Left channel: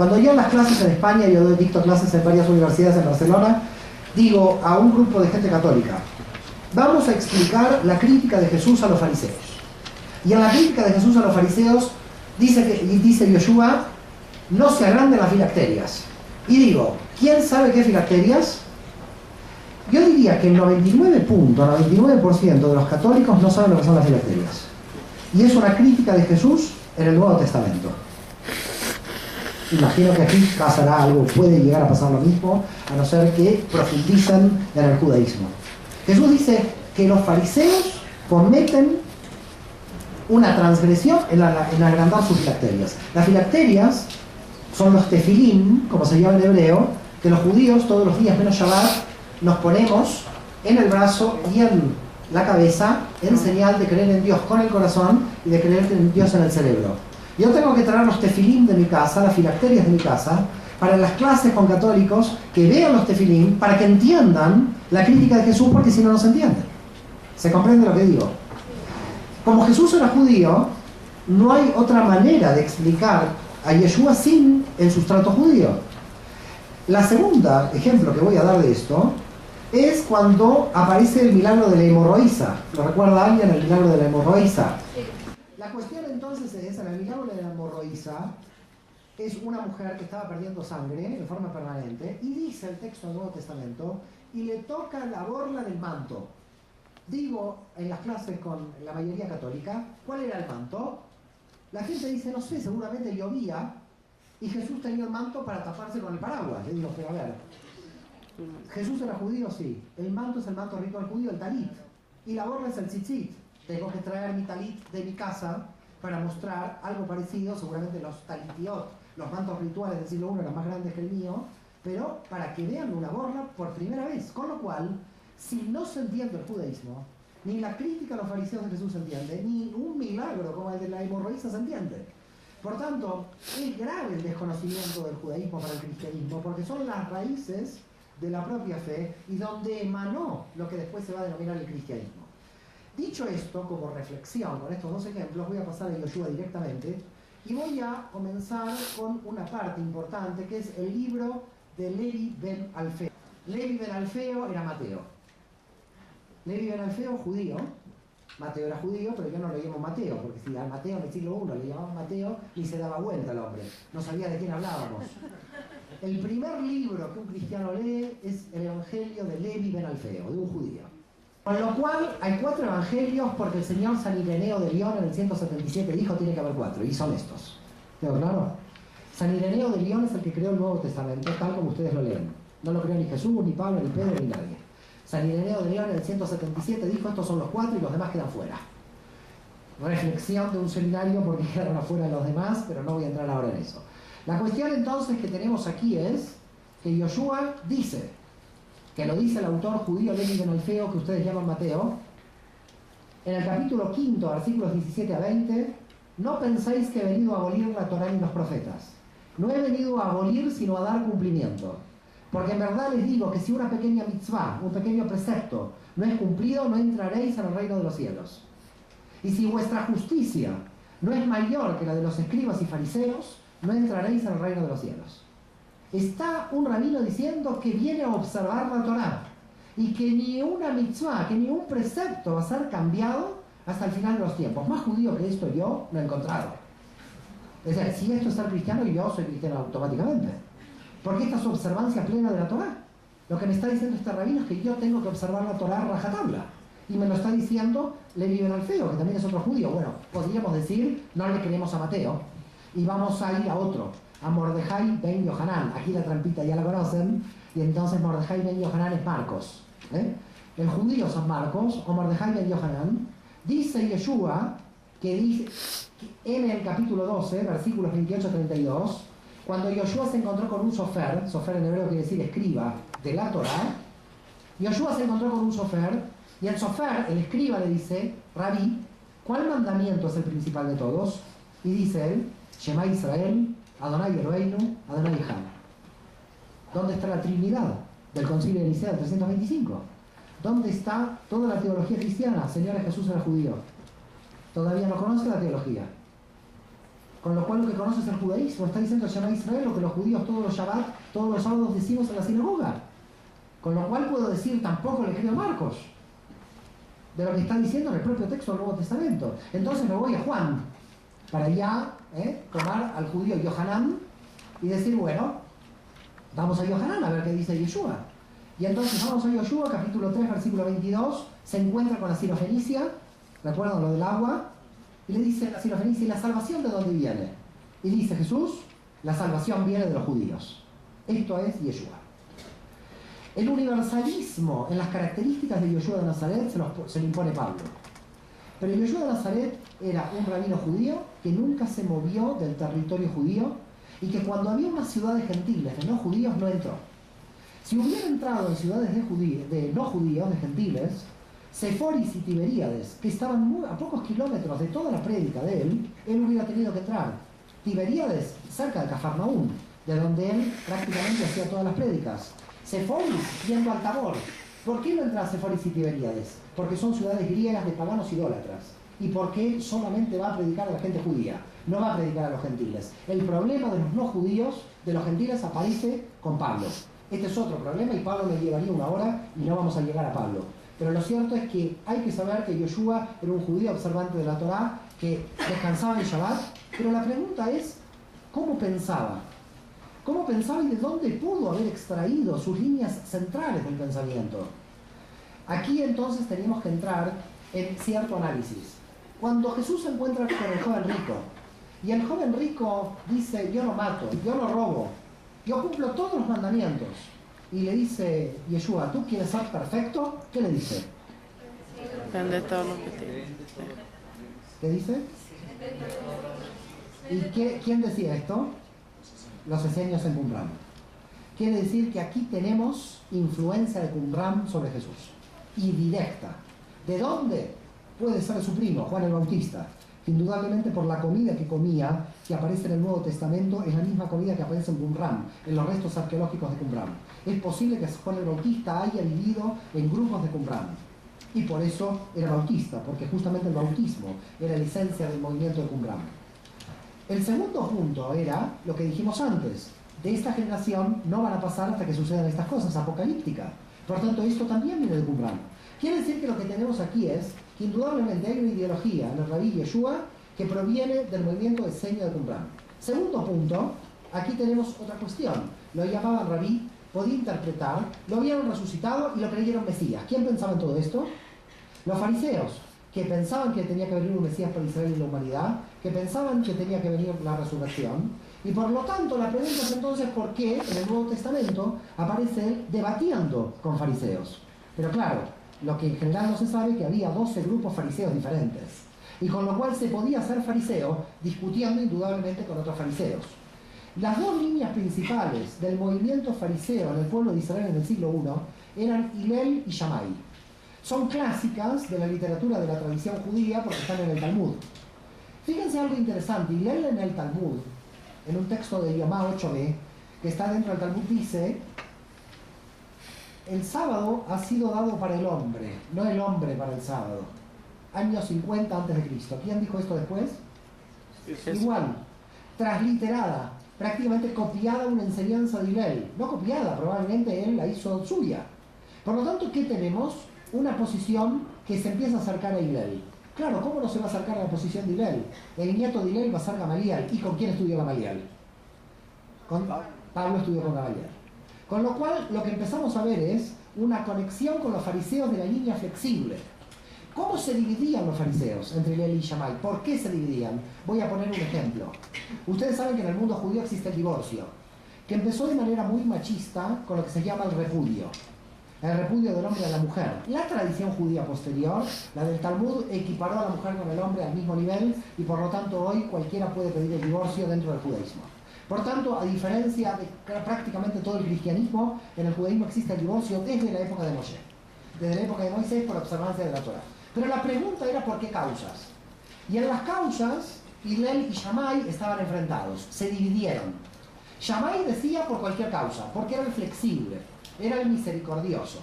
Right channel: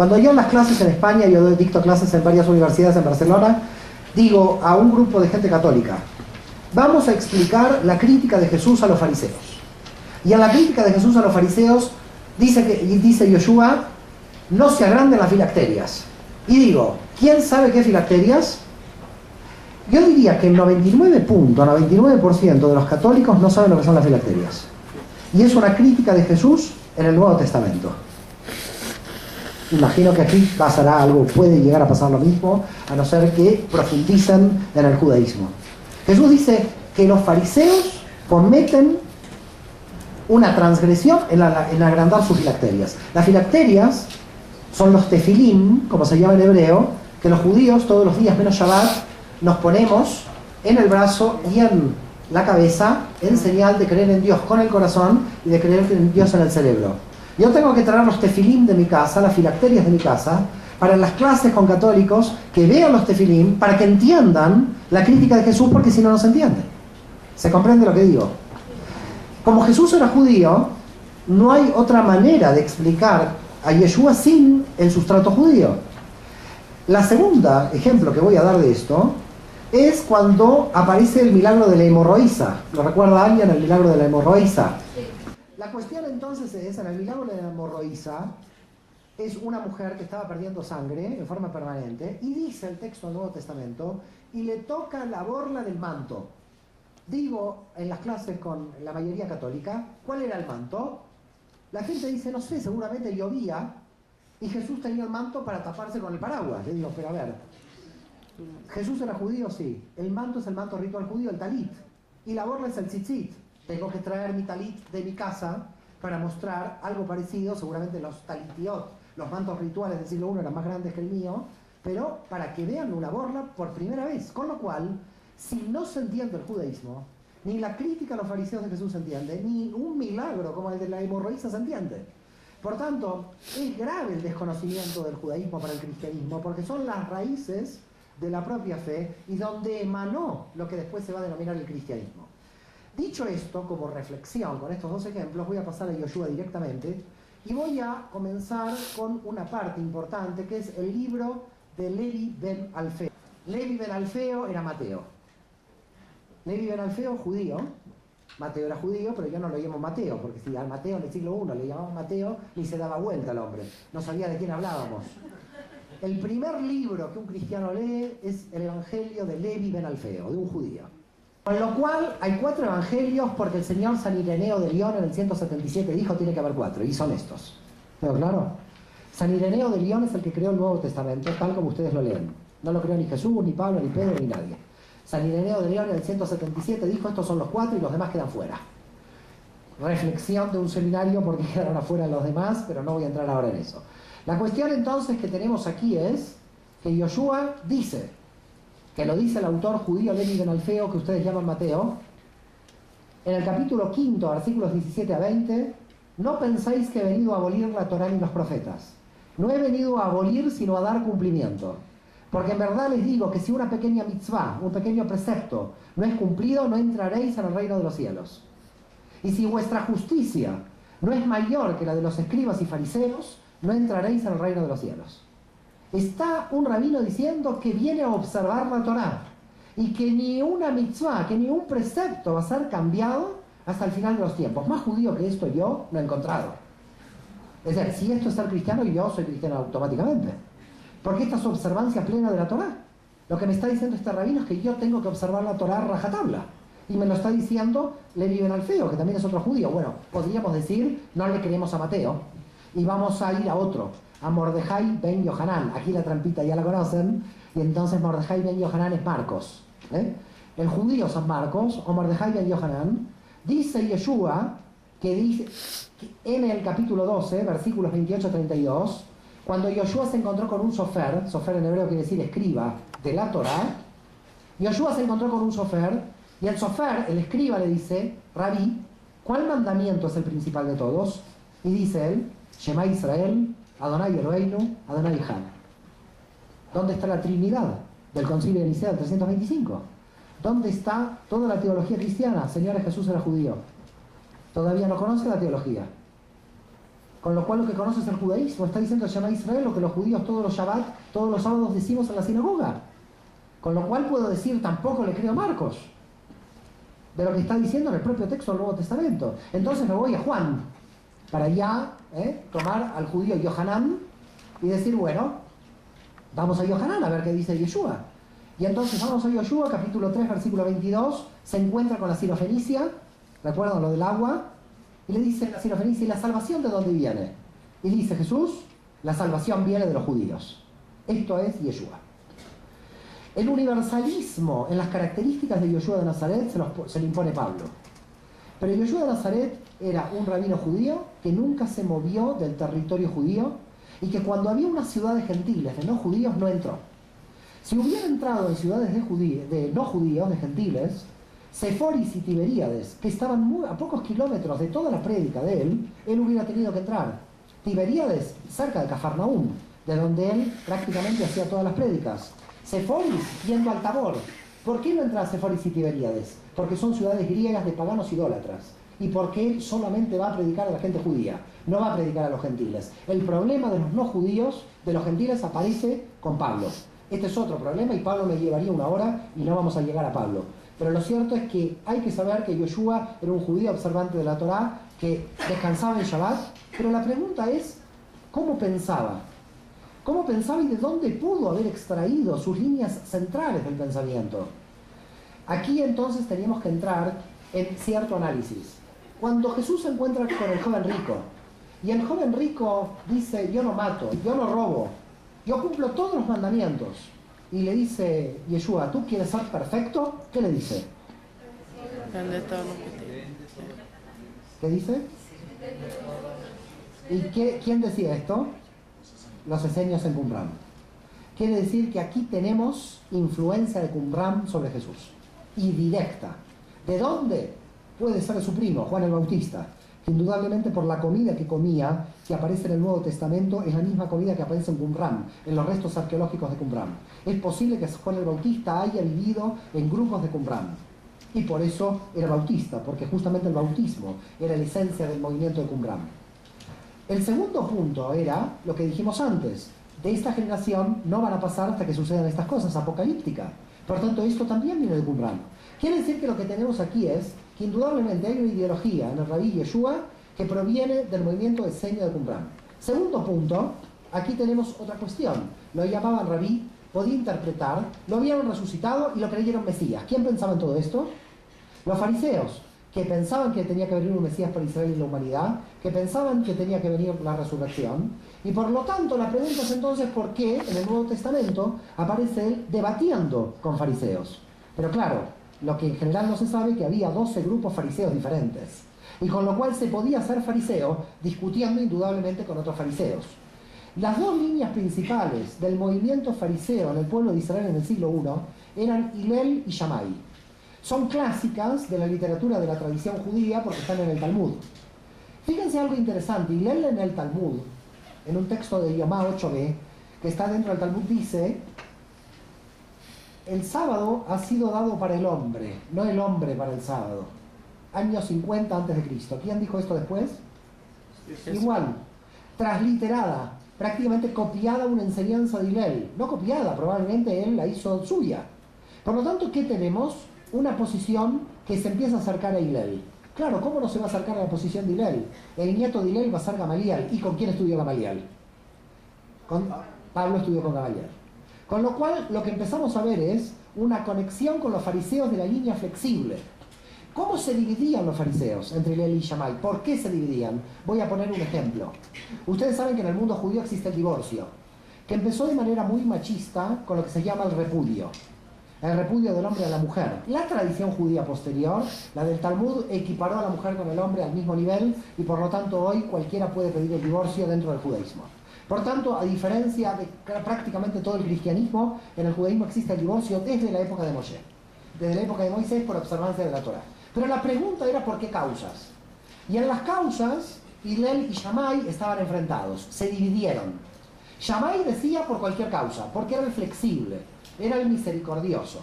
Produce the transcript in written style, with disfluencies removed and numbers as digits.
Cuando yo en las clases en España, yo dicto clases en varias universidades en Barcelona, digo a un grupo de gente católica, vamos a explicar la crítica de Jesús a los fariseos. Y en la crítica de Jesús a los fariseos dice Yoshua, no se agranden las filacterias. Y digo, ¿quién sabe qué filacterias? Yo diría que el 99% de los católicos no saben lo que son las filacterias. Y es una crítica de Jesús en el Nuevo Testamento. Imagino que aquí pasará algo, puede llegar a pasar lo mismo, a no ser que profundicen en el judaísmo. Jesús dice que los fariseos cometen una transgresión en agrandar sus filacterias. Las filacterias son los tefilim, como se llama en hebreo, que los judíos todos los días menos Shabbat nos ponemos en el brazo y en la cabeza en señal de creer en Dios con el corazón y de creer en Dios en el cerebro. Yo tengo que traer los tefilim de mi casa, las filacterias de mi casa, para las clases con católicos que vean los tefilim, para que entiendan la crítica de Jesús, porque si no, no se entiende. ¿Se comprende lo que digo? Como Jesús era judío, no hay otra manera de explicar a Yeshua sin el sustrato judío. La segunda ejemplo que voy a dar de esto es cuando aparece el milagro de la hemorroísa. ¿Lo recuerda alguien, el milagro de la hemorroísa? Sí. La cuestión entonces es, en el milagro de la hemorroísa, es una mujer que estaba perdiendo sangre en forma permanente, y dice el texto del Nuevo Testamento, y le toca la borla del manto. Digo, en las clases con la mayoría católica, ¿cuál era el manto? La gente dice, no sé, seguramente llovía, y Jesús tenía el manto para taparse con el paraguas. Le digo, pero a ver, ¿Jesús era judío? Sí. El manto es el manto ritual judío, el talit, y la borla es el tzitzit. Tengo que traer mi talit de mi casa para mostrar algo parecido, seguramente los talitiot, los mantos rituales del siglo I eran más grandes que el mío, pero para que vean una borla por primera vez. Con lo cual, si no se entiende el judaísmo, ni la crítica a los fariseos de Jesús se entiende, ni un milagro como el de la hemorroísa se entiende. Por tanto, es grave el desconocimiento del judaísmo para el cristianismo, porque son las raíces de la propia fe y donde emanó lo que después se va a denominar el cristianismo. Dicho esto, como reflexión con estos dos ejemplos, voy a pasar a Yoshua directamente y voy a comenzar con una parte importante que es el libro de Levi ben Alfeo. Levi ben Alfeo era Mateo. Levi ben Alfeo, judío. Mateo era judío, pero yo no lo llamo Mateo, porque si al Mateo en el siglo I le llamaban Mateo, ni se daba vuelta al hombre. No sabía de quién hablábamos. El primer libro que un cristiano lee es el Evangelio de Levi ben Alfeo, de un judío. Con lo cual hay 4 evangelios, porque el señor San Ireneo de León en el 177 dijo tiene que haber 4, y son estos. ¿Pero claro? San Ireneo de León es el que creó el Nuevo Testamento, tal como ustedes lo leen. No lo creó ni Jesús, ni Pablo, ni Pedro, ni nadie. San Ireneo de León en el 177 dijo estos son los 4 y los demás quedan fuera. Reflexión de un seminario porque quedaron afuera los demás, pero no voy a entrar ahora en eso. La cuestión entonces que tenemos aquí es que Yoshua dice, que lo dice el autor judío Levi ben Alfeo, que ustedes llaman Mateo, en el capítulo 5, versículos 17 a 20, no penséis que he venido a abolir la Torá ni los profetas. No he venido a abolir, sino a dar cumplimiento. Porque en verdad les digo que si una pequeña mitzvah, un pequeño precepto, no es cumplido, no entraréis en el reino de los cielos. Y si vuestra justicia no es mayor que la de los escribas y fariseos, no entraréis en el reino de los cielos. Está un rabino diciendo que viene a observar la Torá y que ni una mitzvah, que ni un precepto va a ser cambiado hasta el final de los tiempos. Más judío que esto yo no he encontrado. Es decir, si esto es ser cristiano, yo soy cristiano automáticamente. Porque esta es observancia plena de la Torá. Lo que me está diciendo este rabino es que yo tengo que observar la Torá rajatabla. Y me lo está diciendo Levi ben Alfeo, que también es otro judío. Bueno, podríamos decir, no le creemos a Mateo y vamos a ir a otro, a Mordejai ben Yohanan. Aquí la trampita ya la conocen, y entonces Mordejai ben Yohanan es Marcos. El judío San Marcos, o Mordejai ben Yohanan, dice Yeshua, que dice en el capítulo 12, versículos 28-32, cuando Yoshua se encontró con un sofer en hebreo quiere decir escriba de la Torá, Yoshua se encontró con un sofer, y el sofer, el escriba, le dice, Rabí, ¿cuál mandamiento es el principal de todos? Y dice él, Shema Israel, Adonai Eloheinu, Adonai Echad. ¿Dónde está la Trinidad del Concilio de Nicea del 325? ¿Dónde está toda la teología cristiana? Señores, Jesús era judío. Todavía no conoce la teología. Con lo cual lo que conoce es el judaísmo. Está diciendo Shema Israel lo que los judíos todos los Shabbat, todos los sábados decimos en la sinagoga. Con lo cual puedo decir, tampoco le creo a Marcos, de lo que está diciendo en el propio texto del Nuevo Testamento. Entonces me voy a Juan, para ya tomar al judío Yohanan y decir, bueno, vamos a Yohanan a ver qué dice Yeshua. Y entonces vamos a Yoshua, capítulo 3, versículo 22, se encuentra con la sirofenicia, ¿recuerdan lo del agua? Y le dice la sirofenicia, ¿y la salvación de dónde viene? Y dice Jesús, la salvación viene de los judíos. Esto es Yeshua. El universalismo en las características de Yoshua de Nazaret se lo impone Pablo. Pero Yoshua de Nazaret era un rabino judío que nunca se movió del territorio judío y que cuando había unas ciudades gentiles de no judíos no entró. Si hubiera entrado en ciudades de no judíos, de gentiles, Seforis y Tiberíades, que estaban a pocos kilómetros de toda la prédica de él hubiera tenido que entrar. Tiberíades, cerca de Cafarnaúm, de donde él prácticamente hacía todas las prédicas. Seforis, yendo al Tabor. ¿Por qué no entra a Seforis y Tiberíades? Porque son ciudades griegas de paganos idólatras. Y porque él solamente va a predicar a la gente judía, no va a predicar a los gentiles. El problema de los no judíos, de los gentiles, aparece con Pablo. Este es otro problema y Pablo me llevaría una hora y no vamos a llegar a Pablo. Pero lo cierto es que hay que saber que Yoshua era un judío observante de la Torá, que descansaba en Shabbat, pero la pregunta es, ¿cómo pensaba? ¿Cómo pensaba y de dónde pudo haber extraído sus líneas centrales del pensamiento? Aquí entonces teníamos que entrar en cierto análisis. Cuando Jesús se encuentra con el joven rico, y el joven rico dice, yo no mato, yo no robo, yo cumplo todos los mandamientos, y le dice Yeshua, ¿tú quieres ser perfecto? ¿Qué le dice? Vende todo lo que tienes. ¿Qué dice? ¿Y quién decía esto? Los esenios en Qumran. Quiere decir que aquí tenemos influencia de Qumran sobre Jesús, y directa. ¿De dónde? Puede ser su primo, Juan el Bautista, que indudablemente por la comida que comía, que aparece en el Nuevo Testamento, es la misma comida que aparece en Qumran, en los restos arqueológicos de Qumran. Es posible que Juan el Bautista haya vivido en grupos de Qumran, y por eso era bautista, porque justamente el bautismo era la esencia del movimiento de Qumran. El segundo punto era lo que dijimos antes: de esta generación no van a pasar hasta que sucedan estas cosas, apocalípticas. Por tanto, esto también viene de Qumran. Quiere decir que lo que tenemos aquí es que indudablemente hay una ideología en el Rabí Yeshua que proviene del movimiento esenio de Qumran. Segundo punto, aquí tenemos otra cuestión. Lo llamaban Rabí, podía interpretar, lo vieron resucitado y lo creyeron Mesías. ¿Quién pensaba en todo esto? Los fariseos, que pensaban que tenía que venir un Mesías para Israel y la humanidad, que pensaban que tenía que venir la resurrección, y por lo tanto la pregunta es entonces por qué en el Nuevo Testamento aparece él debatiendo con fariseos. Pero claro, lo que en general no se sabe es que había 12 grupos fariseos diferentes, y con lo cual se podía ser fariseo discutiendo indudablemente con otros fariseos. Las dos líneas principales del movimiento fariseo en el pueblo de Israel en el siglo I eran Hillel y Shammai. Son clásicas de la literatura de la tradición judía porque están en el Talmud. Fíjense algo interesante. Hillel en el Talmud, en un texto de Yomá 8b, que está dentro del Talmud, dice: el sábado ha sido dado para el hombre, no el hombre para el sábado. Año 50 a.C. ¿Quién dijo esto después? Igual, transliterada, prácticamente copiada una enseñanza de Hillel. No copiada, probablemente él la hizo suya. Por lo tanto, ¿qué tenemos? Una posición que se empieza a acercar a Hillel. Claro, ¿cómo no se va a acercar a la posición de Hillel? El nieto de Hillel va a ser Gamaliel. ¿Y con quién estudió Gamaliel? Pablo estudió con Gamaliel. Con lo cual, lo que empezamos a ver es una conexión con los fariseos de la línea flexible. ¿Cómo se dividían los fariseos entre Hillel y Shammai? ¿Por qué se dividían? Voy a poner un ejemplo. Ustedes saben que en el mundo judío existe el divorcio, que empezó de manera muy machista con lo que se llama el repudio del hombre a la mujer. La tradición judía posterior, la del Talmud, equiparó a la mujer con el hombre al mismo nivel, y por lo tanto hoy cualquiera puede pedir el divorcio dentro del judaísmo. Por tanto, a diferencia de prácticamente todo el cristianismo, en el judaísmo existe el divorcio desde la época de Moshe, desde la época de Moisés, por observancia de la Torá. Pero la pregunta era ¿por qué causas? Y en las causas, Hillel y Shammai estaban enfrentados, se dividieron. Shammai decía por cualquier causa, porque era el flexible, era el misericordioso.